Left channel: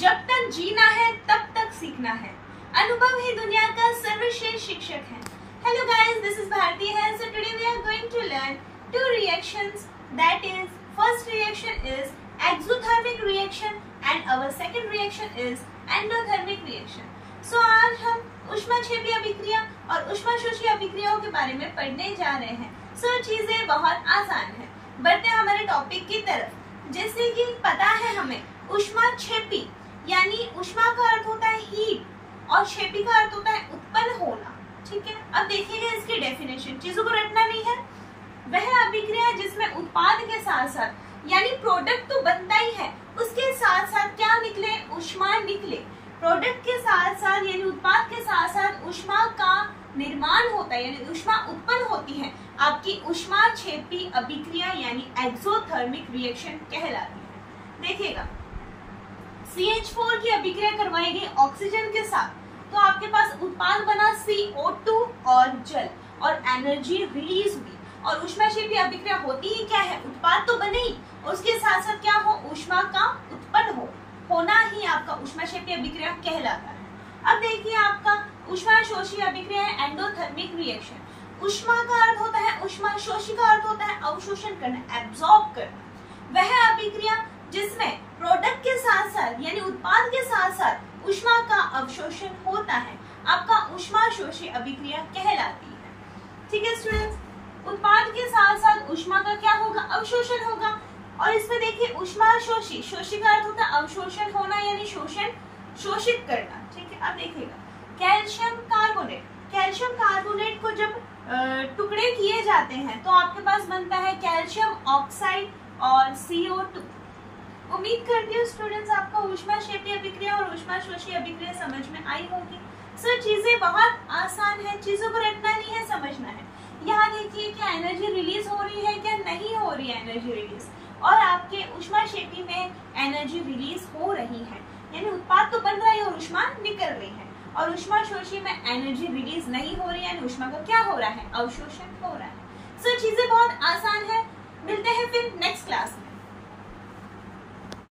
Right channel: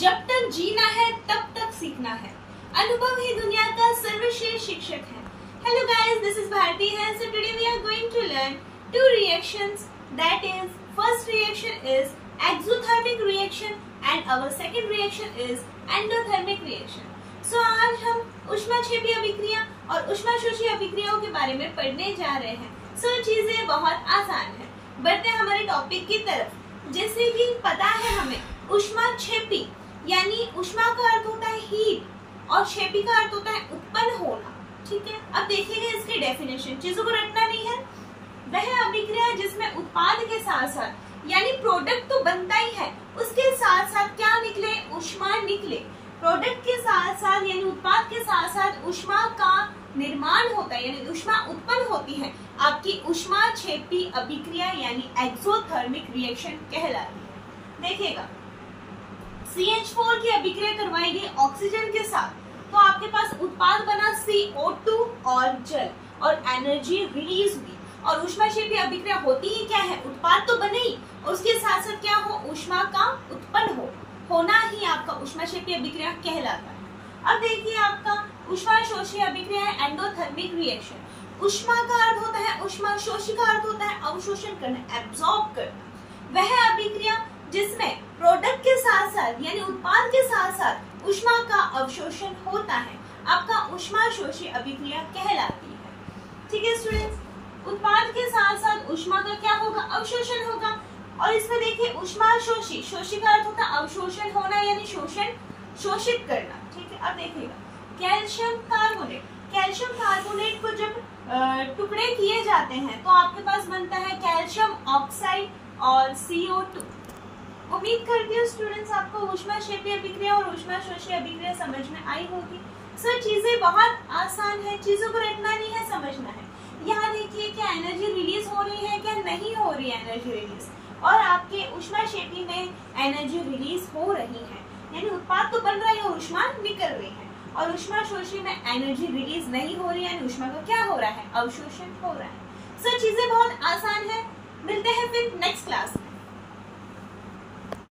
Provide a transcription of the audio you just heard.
जब तक जीना है तब तक सीखना है। अनुभव ही दुनिया का सर्वश्रेष्ठ शिक्षक है। Hello guys, this is Bharti here. So today we are going to learn two reactions. That is, first reaction is exothermic reaction and our second reaction is endothermic reaction. So आज हम ऊष्माक्षेपी अभिक्रिया और ऊष्माशोषी अभिक्रियाओं के बारे में पढ़ने जा रहे हैं। So चीजें बहुत आसान है। बढ़ते हैं हमारे टॉपिक की तरफ। जैसे कि पता है हमें ऊष्माक्षेपी यानी ऊष्मा का अर्थ होता है हीट और क्षेपी का अर्थ होता है उत्पन्न होना। ठीक है, अब देखिएगा इसकी डेफिनेशन, चीजों को रटना नहीं है। वह अभिक्रिया जिसमें उत्पाद के साथ साथ यानी प्रोडक्ट तो बनता ही है, उसके साथ साथ क्या निकले, ऊष्मा निकले। प्रोडक्ट के साथ साथ यानी उत्पाद के साथ साथ ऊष्मा का निर्माण होता है यानी ऊष्मा उत्पन्न होती है, आपकी ऊष्माक्षेपी अभिक्रिया यानी एक्सोथर्मिक रिएक्शन कहलाती है। देखिएगा, CH4 की अभिक्रिया करवाई गई ऑक्सीजन के साथ, तो आपके पास उत्पाद बना CO2 और जल और एनर्जी रिलीज हुई। और ऊष्माक्षेपी अभिक्रिया होती ही क्या है, उत्पाद तो बने ही, उसके साथ साथ क्या हो, ऊष्मा का उत्पन्न होना ही आपका ऊष्माक्षेपी अभिक्रिया कहलाता है। अब देखिए आपका ऊष्माशोषी अभिक्रिया है एंडोथर्मिक रिएक्शन। ऊष्मा का अर्थ होता है, ऊष्माशोषी का अर्थ होता है अवशोषण करना, एब्जॉर्ब करना। वह अभिक्रिया जिसमें प्रोडक्ट के साथ साथ यानी उत्पाद के साथ साथ ऊष्मा का अवशोषण होता है, आपका ऊष्माशोषी अभिक्रिया कहलाती है। ठीक है स्टूडेंट्स, उत्पाद के साथ साथ ऊष्मा का क्या होगा, अवशोषण होगा। और इसमें देखिए ऊष्माशोषी, शोषी का अर्थ होता है अवशोषण होना यानी शोषण, शोषित करना। ठीक है, अब देखिएगा कैल्शियम कार्बोनेट, कैल्शियम कार्बोनेट को जब टुकड़े किए जाते हैं तो आपके पास बनता है कैल्शियम ऑक्साइड और CO2। उम्मीद करती हूँ स्टूडेंट्स आपको ऊष्माक्षेपी अभिक्रिया और ऊष्माशोषी अभिक्रिया समझ में आई होगी। सो चीजें बहुत आसान है, चीजों को रटना नहीं है, समझना है। यहाँ देखिए क्या एनर्जी रिलीज हो रही है, क्या नहीं हो रही है एनर्जी रिलीज, और आपके ऊष्माक्षेपी में एनर्जी रिलीज हो रही है यानी उत्पाद तो बन रहा है और ऊष्मा निकल रही है। और ऊष्माशोषी में एनर्जी रिलीज नहीं हो रही है यानी ऊष्मा का क्या हो रहा है, अवशोषण हो रहा है। सो चीजें बहुत आसान है। मिलते हैं फिर नेक्स्ट क्लास में।